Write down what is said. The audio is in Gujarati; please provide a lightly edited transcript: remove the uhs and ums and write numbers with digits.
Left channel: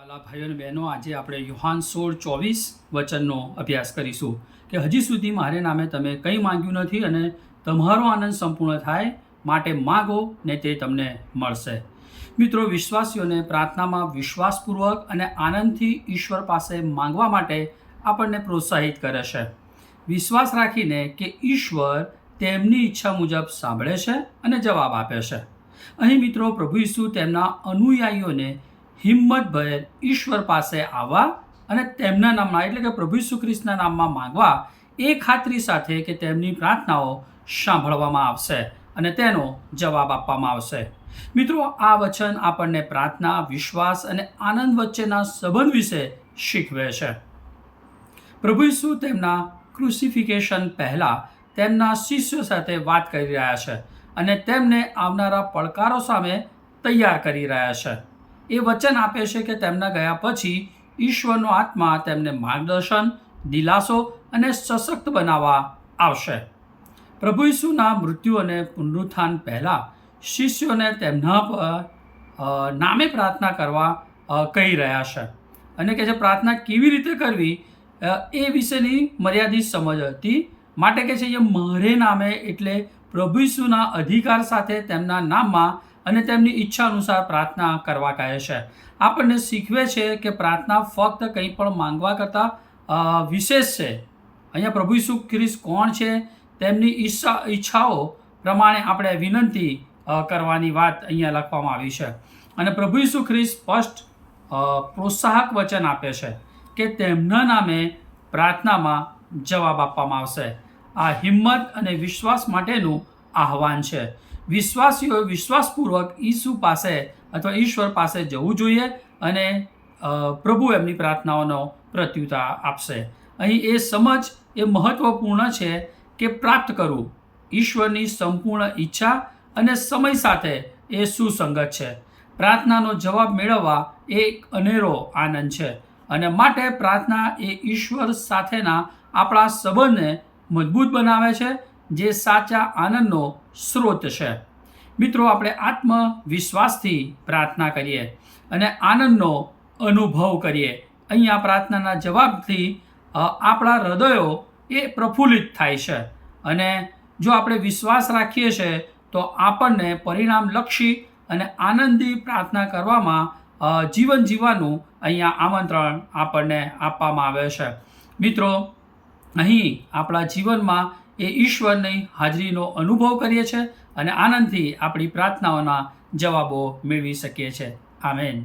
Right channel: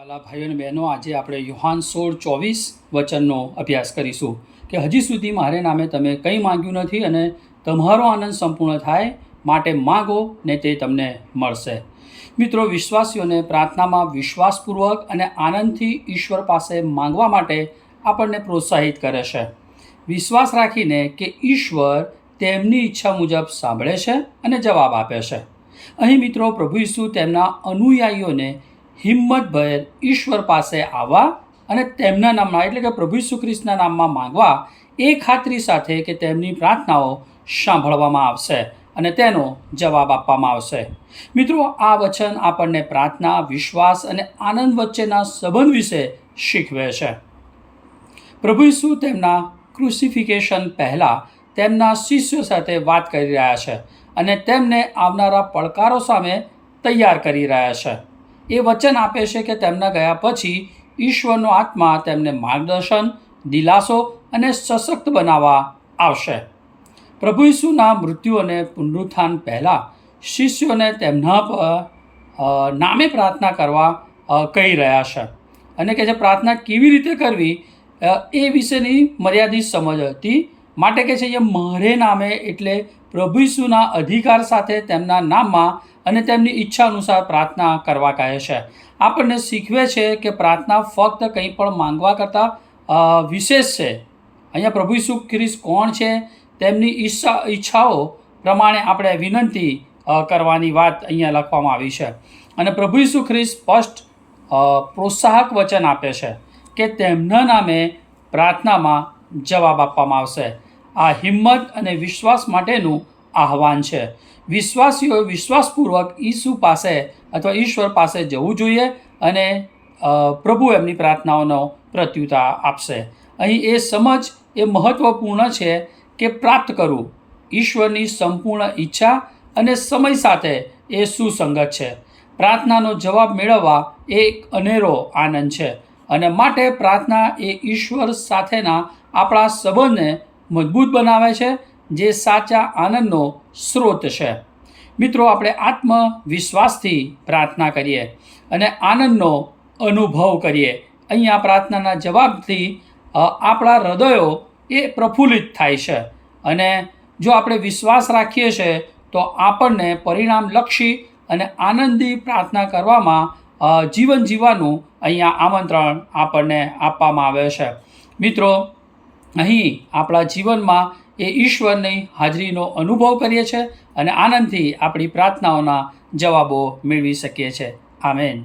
વાલા ભાઈઓ અને બહેનો, આજે આપણે યોહાન 16:24 વચનનો અભ્યાસ કરીશું કે હજી સુધી મારે નામે તમે કંઈ માંગ્યું નથી અને તમારો આનંદ સંપૂર્ણ થાય માટે માગો ને તે તમને મળશે. મિત્રો, વિશ્વાસીઓને પ્રાર્થનામાં વિશ્વાસપૂર્વક અને આનંદથી ઈશ્વર પાસે માંગવા માટે આપણને પ્રોત્સાહિત કરે છે. વિશ્વાસ રાખીને કે ઈશ્વર તેમની ઈચ્છા મુજબ સાંભળે છે અને જવાબ આપે છે. અહીં મિત્રો, પ્રભુ ઈસુ તેમના અનુયાયીઓને હિંમતભેર ઈશ્વર પાસે આવવા અને તેમના નામમાં એટલે કે પ્રભુ ઈસુ ખ્રિસ્તના નામમાં માંગવા એ ખાતરી સાથે કે તેમની પ્રાર્થનાઓ સાંભળવામાં આવશે અને તેનો જવાબ આપવામાં આવશે. મિત્રો, આ વચન આપણને પ્રાર્થના, વિશ્વાસ અને આનંદ વચ્ચેના સંબંધ વિશે શીખવે છે. પ્રભુ ઈસુ તેમના ક્રુસિફિકેશન પહેલાં તેમના શિષ્યો સાથે વાત કરી રહ્યા છે અને તેમને આવનારા પડકારો સામે તૈયાર કરી રહ્યા છે. એ વચન આપે છે કે તેમના ગયા પછી ઈશ્વરનો આત્મા તેમને માર્ગદર્શન, દિલાસો અને સશક્ત બનાવવા આવશે. પ્રભુ ઈસુના મૃત્યુ અને પુનરુત્થાન પહેલાં શિષ્યોને તેમના પર નામે પ્રાર્થના કરવા કહી રહ્યા છે અને કે જે પ્રાર્થના કેવી રીતે કરવી એ વિશેની મર્યાદિત સમજ હતી. માટે કે છે એ મારે નામે એટલે પ્રભુ ઈસુના અધિકાર સાથે તેમના નામમાં અને તેમની ઈચ્છા અનુસાર પ્રાર્થના કરવા કહે છે. આપણને શીખવે છે કે પ્રાર્થના ફક્ત કંઈ પણ માંગવા કરતાં વિશેષ છે. અહીંયા પ્રભુ ઈસુ ખ્રિસ્ત કોણ છે, તેમની ઈચ્છાઓ પ્રમાણે આપણે વિનંતી કરવાની વાત અહીંયા લખવામાં આવી છે. અને પ્રભુ ઈસુ ખ્રિસ્ત સ્પષ્ટ પ્રોત્સાહક વચન આપે છે કે તેમના નામે પ્રાર્થનામાં જવાબ આપવામાં આવશે. આ હિંમત અને વિશ્વાસ માટેનું આહ્વાન છે. વિશ્વાસીઓએ વિશ્વાસપૂર્વક ઈસુ પાસે અથવા ઈશ્વર પાસે જવું જોઈએ અને પ્રભુ એમની પ્રાર્થનાઓનો પ્રત્યુત્તર આપશે. અહીં એ સમજ એ મહત્ત્વપૂર્ણ છે કે પ્રાપ્ત કરવું ઈશ્વરની સંપૂર્ણ ઈચ્છા અને સમય સાથે એ સુસંગત છે. પ્રાર્થનાનો જવાબ મેળવવા એ એક અનેરો આનંદ છે અને માટે પ્રાર્થના એ ઈશ્વર સાથેના આપણા સંબંધને મજબૂત બનાવે છે, જે સાચા આનંદનો સ્ત્રોત છે. મિત્રો, આપણે આત્મવિશ્વાસથી પ્રાર્થના કરીએ અને આનંદનો અનુભવ કરીએ. અહીંયા પ્રાર્થનાના જવાબથી આપણા હૃદયો એ પ્રફુલ્લિત થાય છે અને જો આપણે વિશ્વાસ રાખીએ છીએ તો આપણને પરિણામલક્ષી અને આનંદી પ્રાર્થના કરવામાં જીવન જીવવાનું અહીંયા આમંત્રણ આપણને આપવામાં આવે છે. મિત્રો, અહીં આપણા જીવનમાં એ ઈશ્વરની હાજરીનો અનુભવ કરીએ છીએ અને આનંદથી આપણી પ્રાર્થનાઓના જવાબો મેળવી શકીએ છીએ. આમેન.